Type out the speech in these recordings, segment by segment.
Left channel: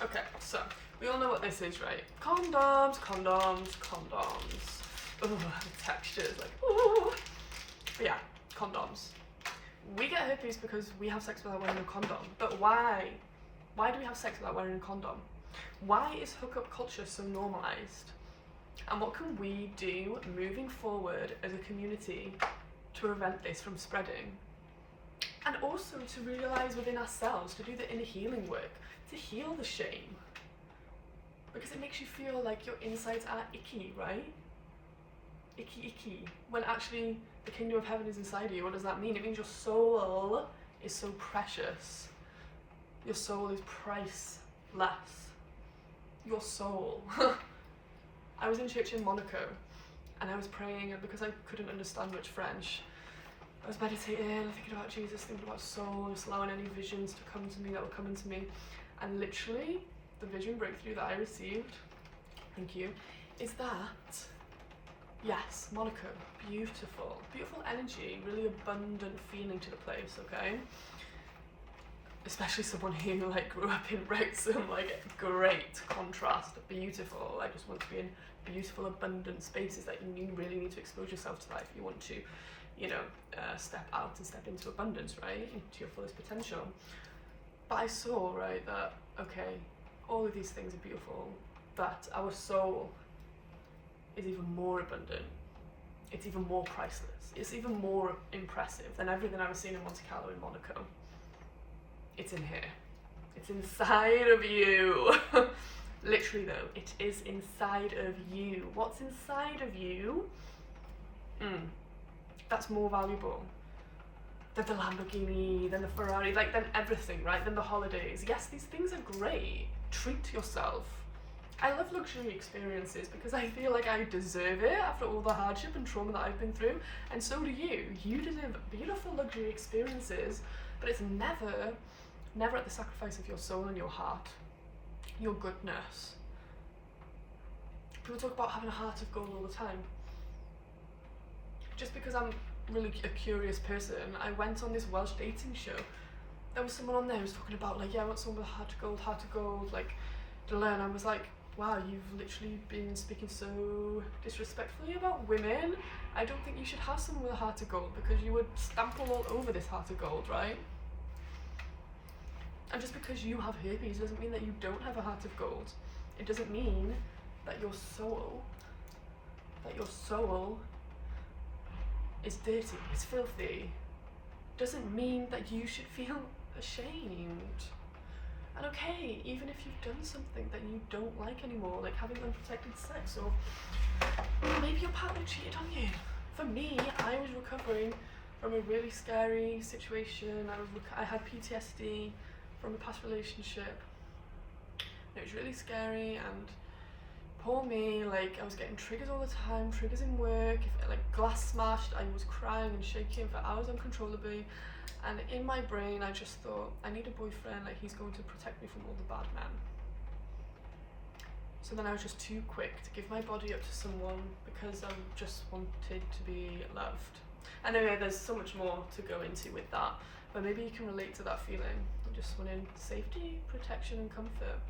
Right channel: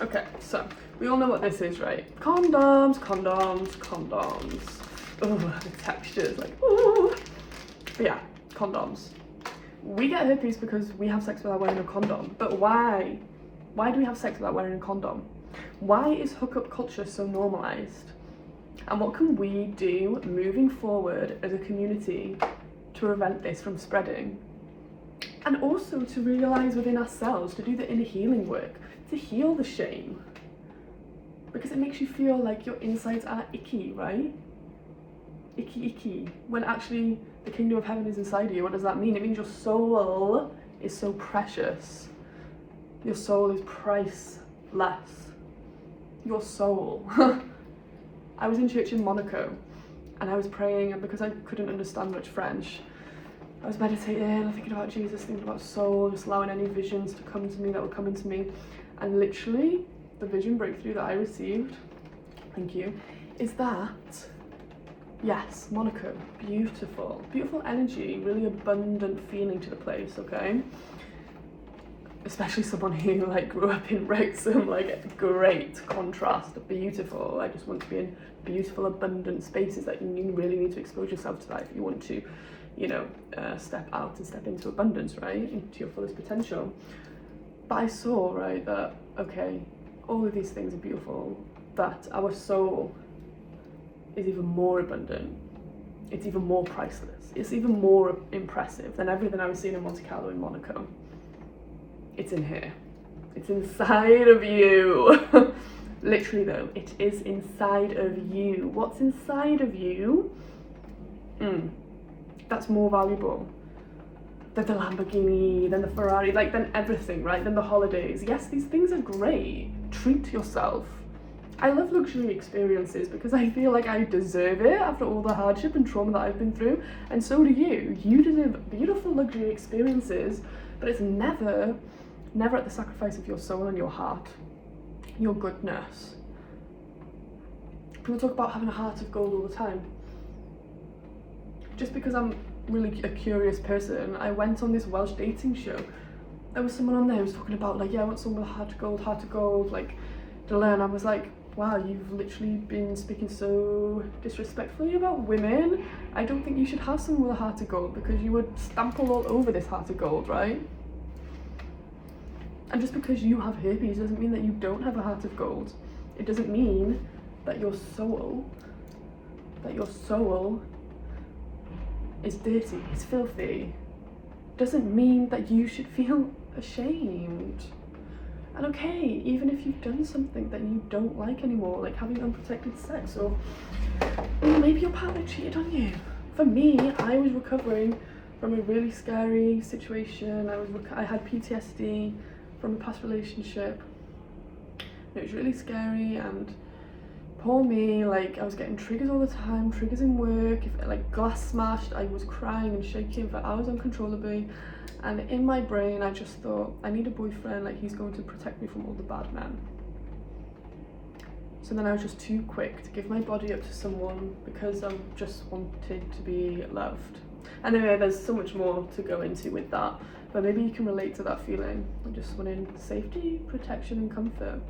Okay, so we all know what this is, right? Condoms, condoms, condoms. Oh, the textures, like, ooh. But yeah, condoms. We get herpes because we have sex without wearing a condom. But why? Why do we have sex without wearing a condom? Why is hookup culture so normalized? And what can we do moving forward as a community to prevent this from spreading? And also to realize within ourselves, to do the inner healing work, to heal the shame. Because it makes you feel like your insides are icky, right? Icky, icky. When actually the kingdom of heaven is inside you. What does that mean? It means your soul is so precious. Your soul is priceless. Your soul. I was in church in Monaco and I was praying, and because I couldn't understand much French, I was meditating, thinking about Jesus, thinking about soul, just allowing any visions to come to me that were coming to me. And literally, the vision breakthrough that I received, thank you, is that, yes, Monaco, beautiful, beautiful energy, really abundant feeling to the place, okay? Especially someone who like grew up in Wrexham, like great contrast, beautiful. I just want to be in beautiful, abundant spaces that you really need to expose yourself to that if you want to, you know, step out and step into abundance, right? Into your fullest potential. But I saw, right, that, okay, all of these things are beautiful, but our soul is even more abundant. It's even more priceless. It's even more impressive than everything I was seeing in Monte Carlo in Monaco. It's in here. It's inside of you. Literally though, it is inside of you. What's inside of you? That's more valuable than the Lamborghini, than the Ferrari, like than everything, right? Than the holidays. Yes, these things are great. Treat yourself. I love luxury experiences because I feel like I deserve it after all the hardship and trauma that I've been through, and so do you. You deserve beautiful luxury experiences, but it's never at the sacrifice of your soul and your heart, your goodness. People talk about having a heart of gold all the time. Just because I'm really a curious person, I went on this Welsh dating show. There was someone on there who was talking about like, yeah, I want someone with a heart of gold, like, to learn. I was like, wow, you've literally been speaking so disrespectfully about women. I don't think you should have someone with a heart of gold because you would stample all over this heart of gold, right? And just because you have herpes doesn't mean that you don't have a heart of gold. It doesn't mean that your soul is dirty, is filthy. Doesn't mean that you should feel ashamed. And okay, even if you've done something that you don't like anymore, like having unprotected sex, or maybe your partner cheated on you. For me, I was recovering from a really scary situation. I had PTSD from a past relationship. It was really scary, and poor me, like I was getting triggers all the time, triggers in work. If like glass smashed, I was crying and shaking for hours uncontrollably. And in my brain, I just thought, I need a boyfriend, like he's going to protect me from all the bad men. So then I was just too quick to give my body up to someone because I just wanted to be loved. And anyway, there's so much more to go into with that, but maybe you can relate to that feeling. I just wanted safety, protection, and comfort.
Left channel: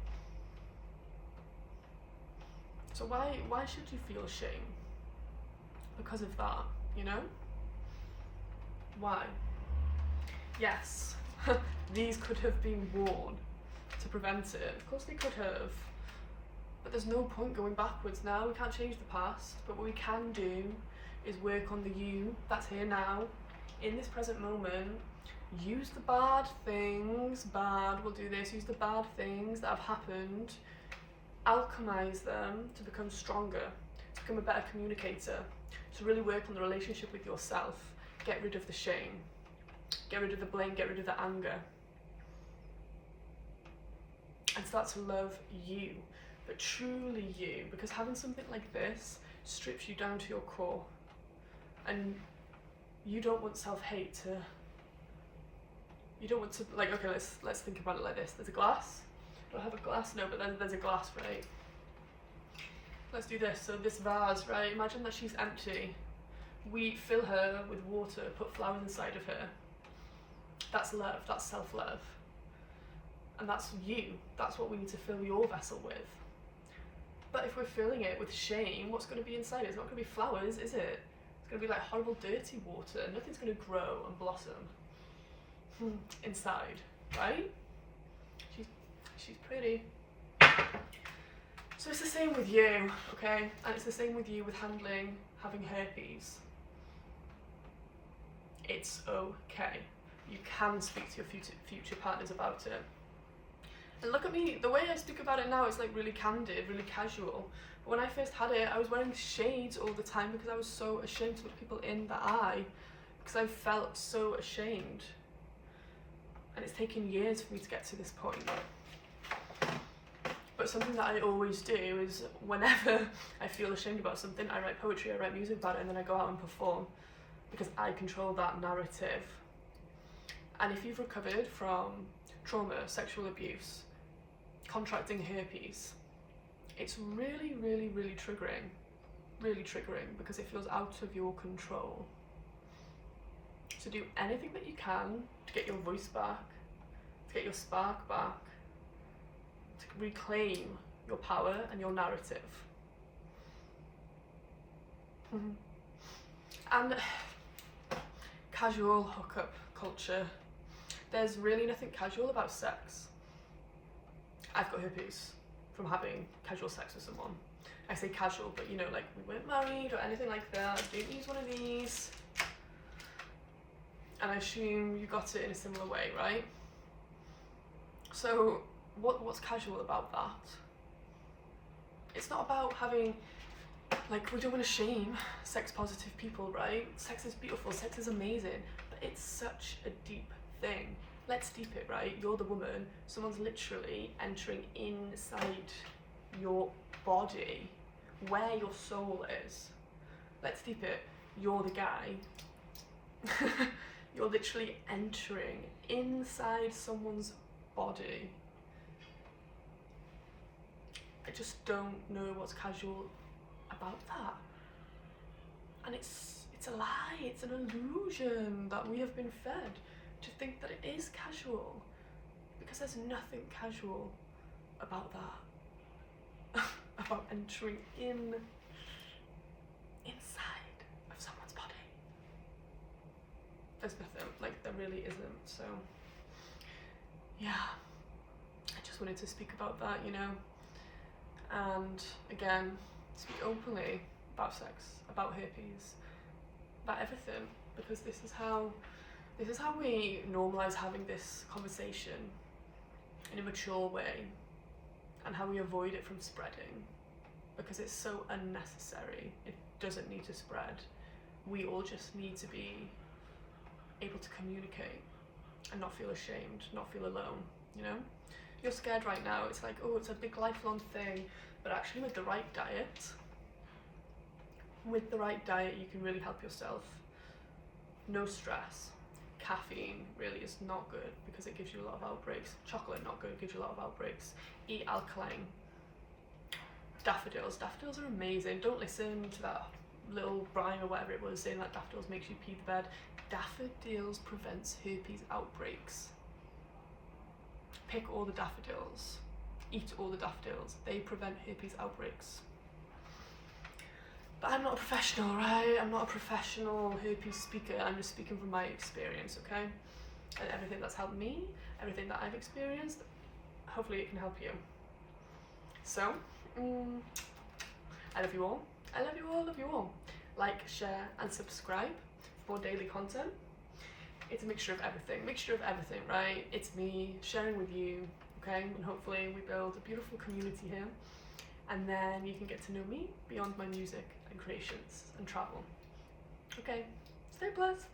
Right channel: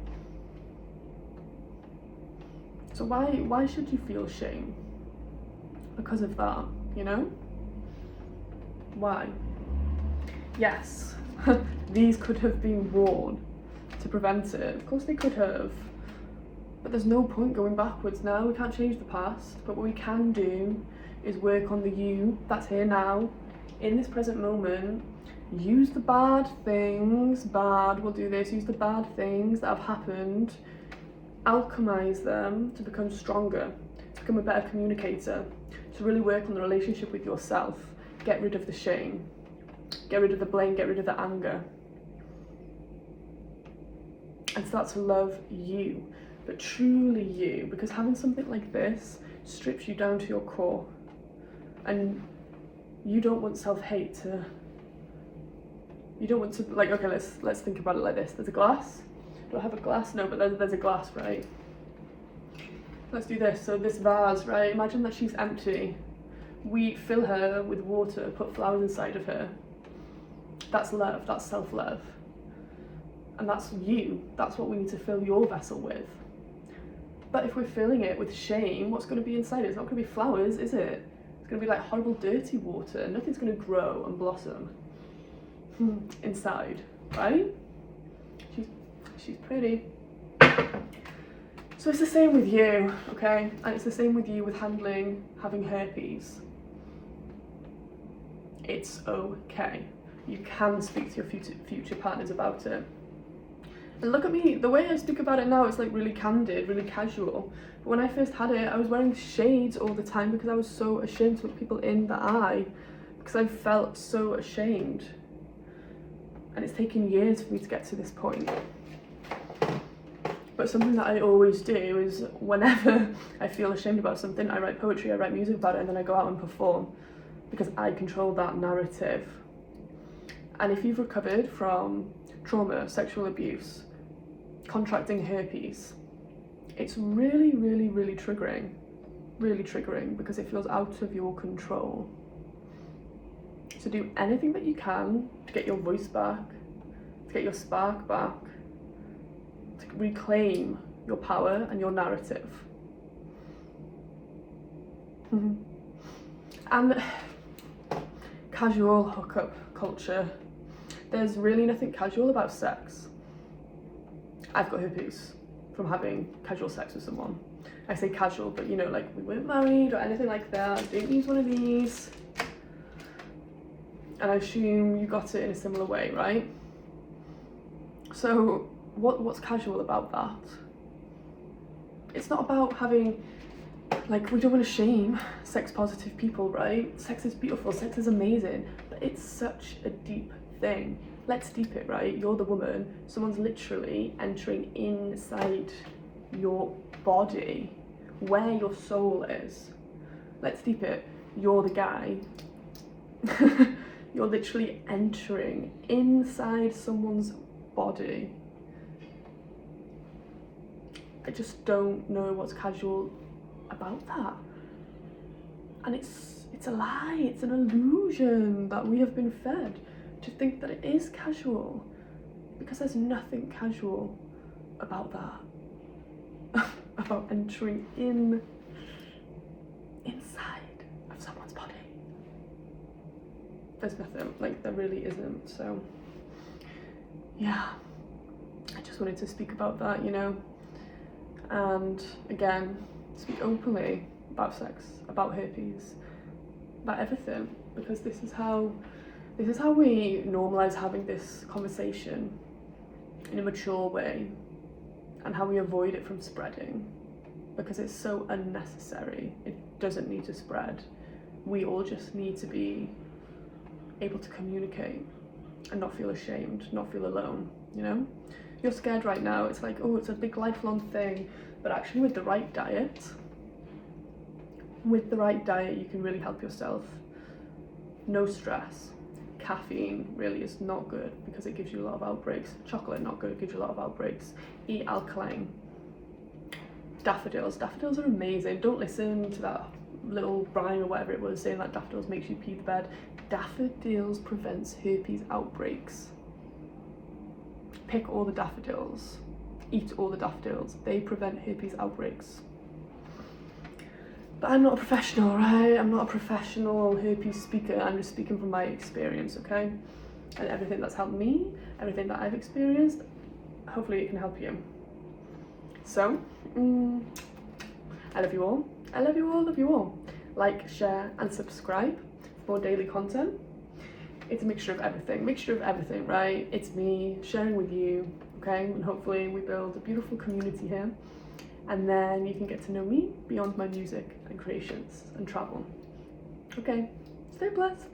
So why should you feel shame? Because of that, you know? Why? Yes, these could have been worn to prevent it. Of course they could have. But there's no point going backwards now. We can't change the past. But what we can do is work on the you that's here now, in this present moment. Use the bad things, we'll do this, use the bad things that have happened, alchemize them to become stronger, to become a better communicator, to really work on the relationship with yourself. Get rid of the shame. Get rid of the blame, get rid of the anger. And start to love you, but truly you, because having something like this strips you down to your core. And you don't want self-hate to, you don't want to, like, okay, let's think about it like this. There's a glass. Do I have a glass? No, but there's a glass, right? Let's do this. So this vase, right? Imagine that she's empty. We fill her with water, put flowers inside of her. That's love, that's self-love. and that's you. That's what we need to fill your vessel with. But if we're filling it with shame, what's going to be inside it? It's not going to be flowers, is it? It's going to be like horrible dirty water. Nothing's going to grow and blossom inside, right? She's pretty. So it's the same with you, okay? And it's the same with you with having herpes. It's okay. You can speak to your future partners about it. And look at me, the way I speak about it now is like really candid, really casual. But when I first had it, I was wearing shades all the time because I was so ashamed to look people in the eye, because I felt so ashamed. And it's taken years for me to get to this point. But something that I always do is whenever I feel ashamed about something, I write poetry, I write music about it, and then I go out and perform, because I control that narrative. And if you've recovered from trauma, sexual abuse, contracting herpes, it's really, really, really triggering, because it feels out of your control. So do anything that you can to get your voice back, to get your spark back, to reclaim your power and your narrative. And casual hookup culture. There's really nothing casual about sex. I've got herpes from having casual sex with someone. I say casual, but you know, like we weren't married or anything like that. I didn't use one of these. And I assume you got it in a similar way, right? So what's casual about that? It's not about having, like, we don't want to shame sex positive people, right? Sex is beautiful, sex is amazing, but it's such a deep thing. Let's deep it, right? You're the woman, someone's literally entering inside your body, where your soul is. Let's deep it. You're the guy. You're literally entering inside someone's body. I just don't know what's casual about that. And it's a lie, it's an illusion that we have been fed to think that it is casual, because there's nothing casual about that. About entering inside of someone's body. There's nothing, like there really isn't. So yeah, I just wanted to speak about that, you know, and again, speak openly about sex, about herpes, about everything, because this is how we normalize having this conversation in a mature way, and how we avoid it from spreading, because it's so unnecessary. It doesn't need to spread. We all just need to be able to communicate and not feel ashamed, not feel alone, you know? You're scared right now, it's like, oh, it's a big lifelong thing, but actually with the right diet, you can really help yourself. No stress. Caffeine really is not good because it gives you a lot of outbreaks. Chocolate, not good, gives you a lot of outbreaks. Eat alkaline. Daffodils are amazing. Don't listen to that little rhyme or whatever it was saying that daffodils makes you pee the bed. Daffodils prevents herpes outbreaks. Pick all the daffodils. Eat all the daffodils. They prevent herpes outbreaks. But I'm not a professional, right? I'm not a professional herpes speaker. I'm just speaking from my experience, okay? And everything that's helped me, everything that I've experienced, hopefully it can help you. So, I love you all. I love you all, love you all. Like, share, and subscribe for more daily content. It's a mixture of everything, right? It's me sharing with you, okay? And hopefully we build a beautiful community here. And then you can get to know me beyond my music and creations and travel. Okay, stay blessed.